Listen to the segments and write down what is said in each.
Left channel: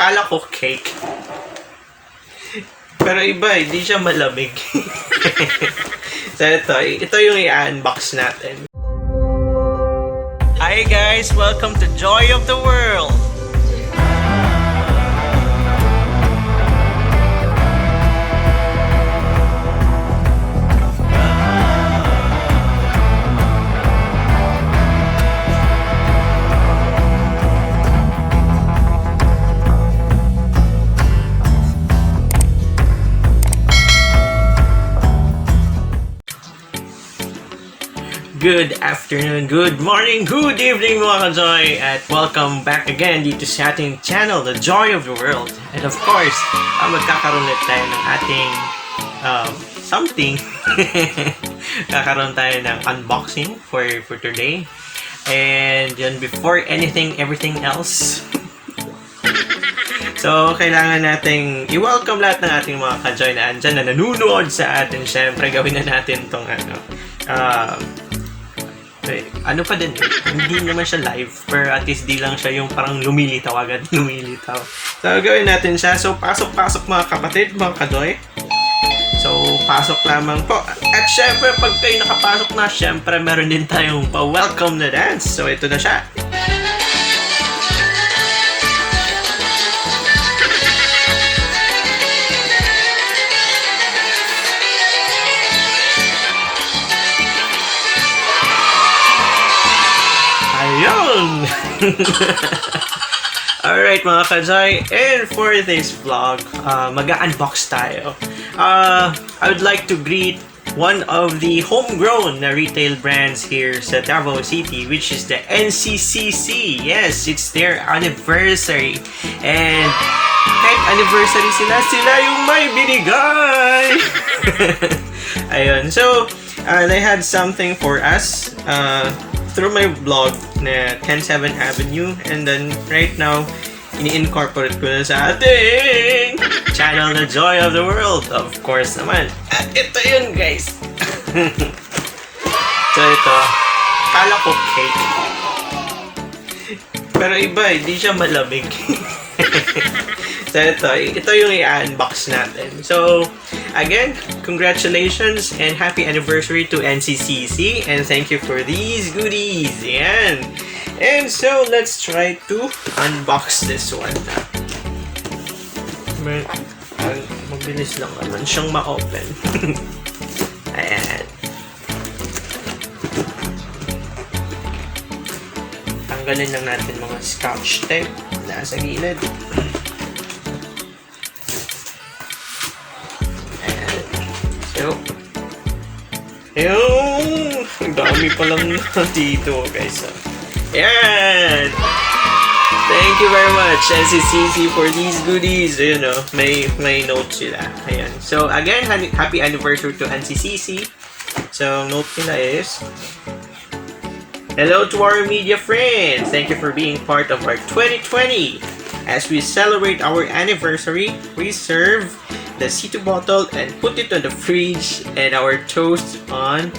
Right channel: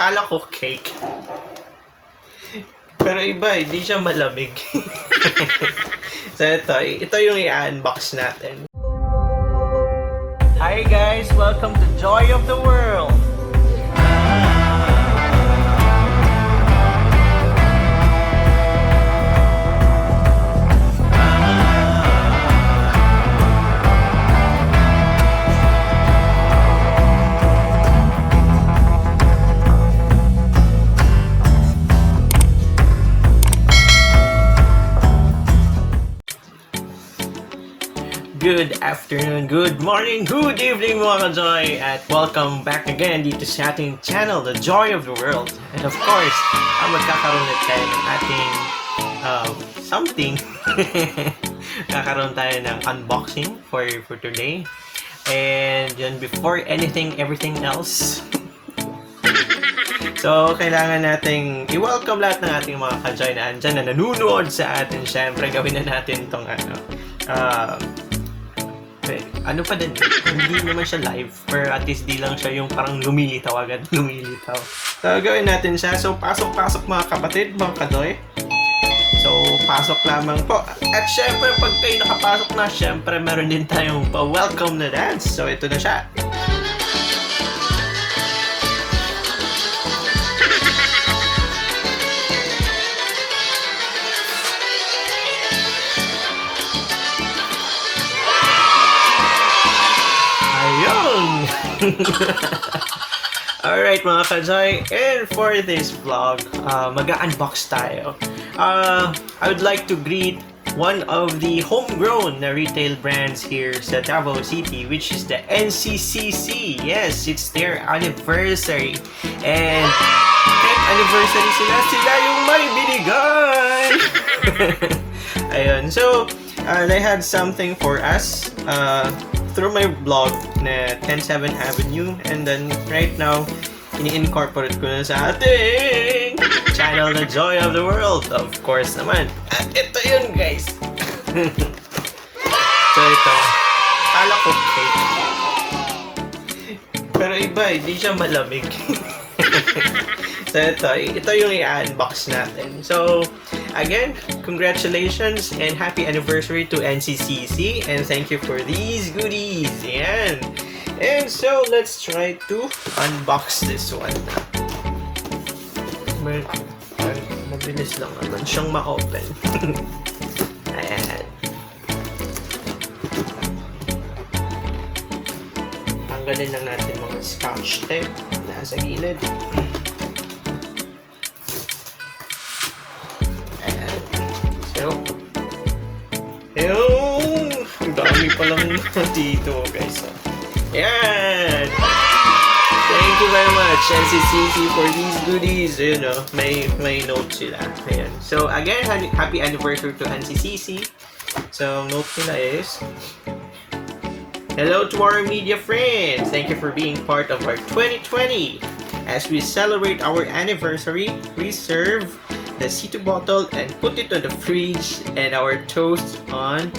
Kala ko cake. Pero iba, hindi siya malamig. So ito yung i-unbox natin. Hi guys! Welcome to Joy of the World! Good afternoon, good morning, good evening mga ka-Joy, at welcome back again dito sa ating channel, The Joy of the World. And of course, magkakaroon ulit tayo ng ating something. Kakaroon tayo ng unboxing for today. And yun, before anything, everything else. So, kailangan nating i-welcome lahat ng ating mga ka-Joy na andyan na nanunood sa atin. Siyempre, gawin na natin itong ano pa din, hindi naman siya live, pero at least di lang siya yung parang lumilitaw agad, lumilitaw. So, gawin natin siya. So, pasok-pasok mga kapatid, mga kadoy. So, pasok lamang po. At syempre, pag kayo nakapasok na, syempre, meron din tayong welcome na dance. So, ito na siya. Alright mga ka-Joy, and for this vlog, mag-unbox tayo. I would like to greet one of the homegrown retail brands here sa Davao City, which is the NCCC. Yes, it's their anniversary. And kahit anniversary sila yung may binigay! Ayun, so they had something for us through my blog na 107 Avenue, and then right now ini-incorporate ko na sa ating channel, The Joy of the World, of course naman. At ito yun guys. So ito, kala ko cake, pero iba, hindi siya malamig. So ito yung i-unbox natin. So again, congratulations and happy anniversary to NCCC, and thank you for these goodies. Ayan. And so let's try to unbox this one. Mabilis lang naman siyang ma-open. Ayan. Tanggalin lang natin mga scotch tape na sa gilid. Dami palang dito guys. Yan! Thank you very much NCCC for these goodies. You know, may notes sila. Ayan. So again, happy anniversary to NCCC. So note nila is, hello to our media friends. Thank you for being part of our 2020. As we celebrate our anniversary, we serve the C2 bottle and put it on the fridge and our toast on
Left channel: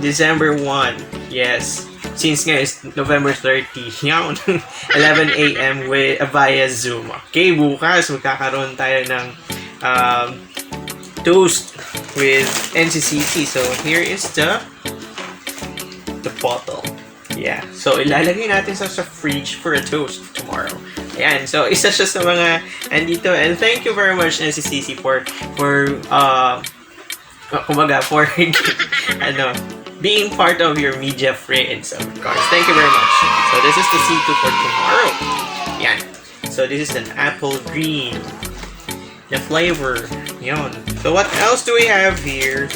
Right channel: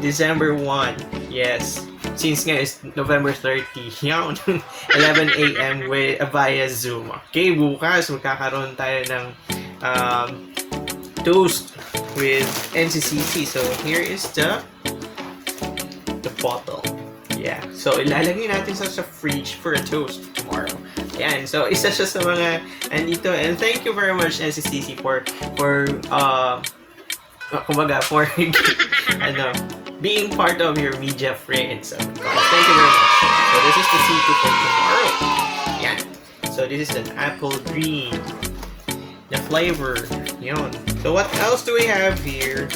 December 1. Yes. Since nga is November 30. Yan. 11 a.m. via Zoom. Okay, bukas magkakaroon tayo ng toast with NCCC. So, here is the bottle. Yeah. So, ilalagay natin sa fridge for a toast tomorrow. Ayan. So, isa siya sa mga andito. And thank you very much NCCC for being part of your media friends, of course. Thank you very much. So this is the C2 for tomorrow. Yeah. So this is an apple green. The flavor. Yon. So what else do we have here?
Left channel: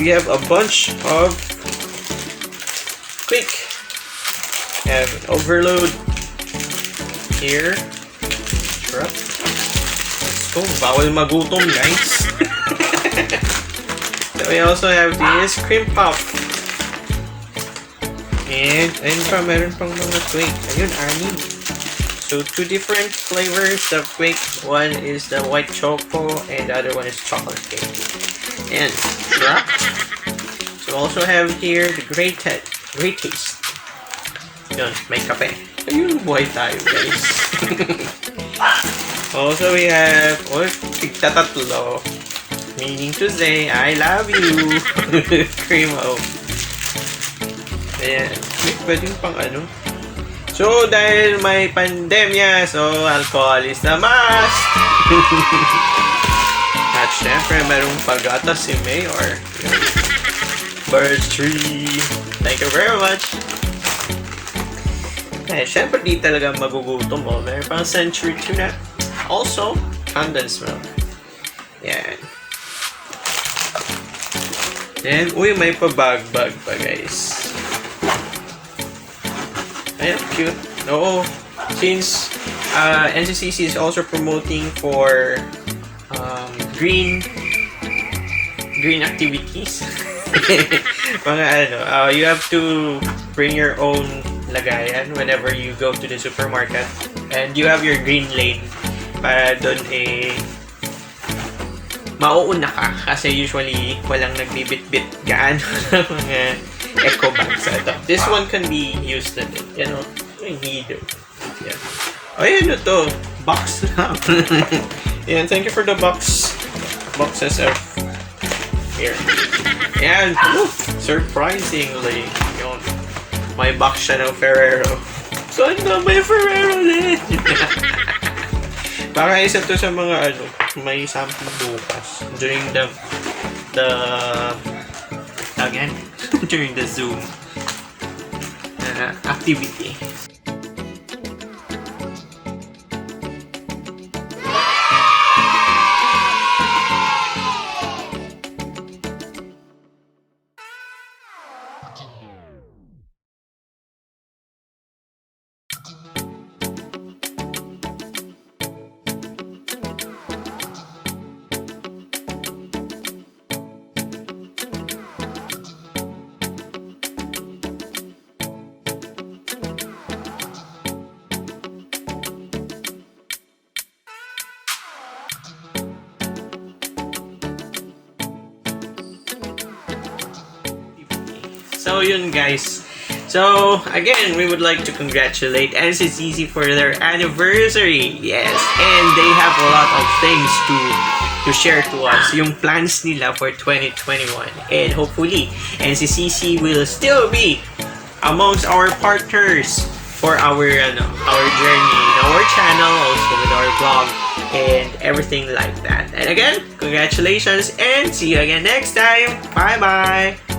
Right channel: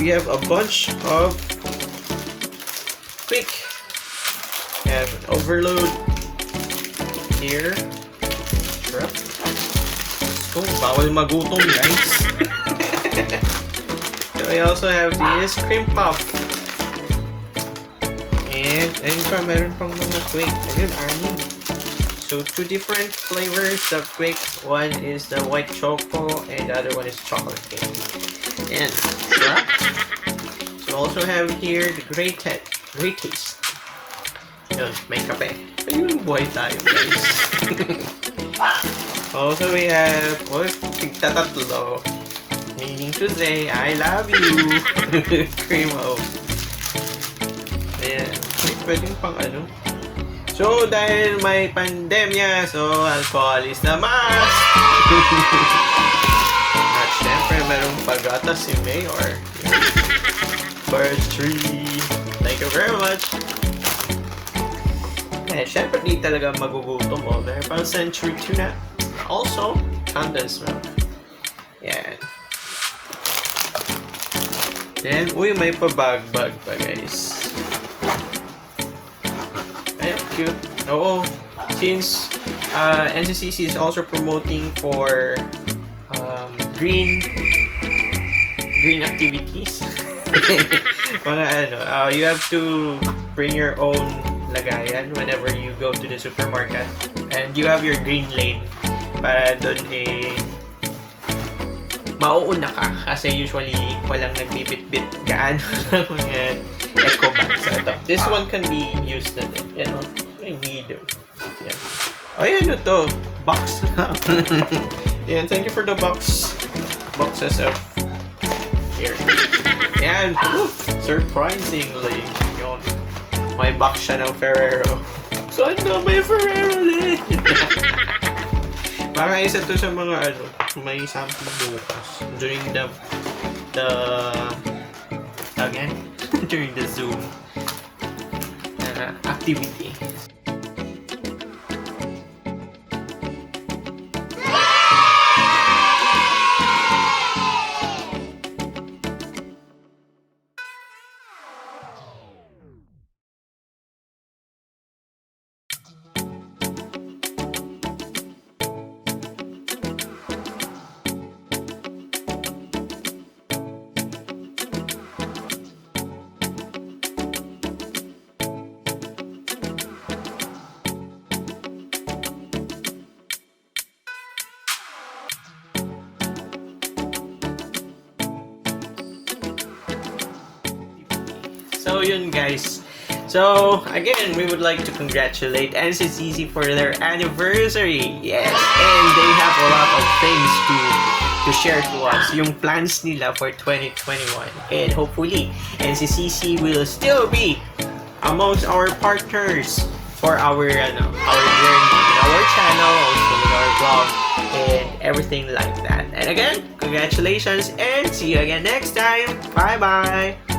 We have a bunch of quick. We have overload here. So bawal magutom guys. We also have this cream puff. And meron pang mga quick. Ayun, anim. So, two different flavors of quick. One is the white choco and the other one is chocolate cake. And, so also have here the great taste. Yun, may kape. Ayun, buhay tayo guys. Also, we have, tigtatatlo. Meaning to say, I love you. Cremo. Ayan. Pwede pang ano. So, dahil may pandemya, so alcohol is the must. At syempre, mayroong pag-atas si Mayor. First tree. Thank you very much. Eh, syempre di talaga magugutom mo. Meron pang century tuna. Also, condensed milk. Yan. Then, may pa-bag-bag pa guys. Ayan, cute. Oo. Since NCCC is also promoting for green activities. Mga you have to bring your own lagayan whenever you go to the supermarket, and you have your green lane para doon mauuna ka kasi usually walang nagbibit-bit gaan mga eco bags. This one can be used na, need. Ay, ano to? Box. Yan, thank you for the boxes of here. Yan, surprisingly, yun, may box siya ng Ferrero. So, ano may Ferrero ulit? Baka isa to sa mga may something bukas during the during the Zoom activity. So yun guys. So again, we would like to congratulate NCCC for their anniversary. Yes, and they have a lot of things to share to us. Yung plans nila for 2021, and hopefully NCCC will still be amongst our partners for our journey, our channel, also our vlog, and everything like that. And again, congratulations, and see you again next time. Bye bye.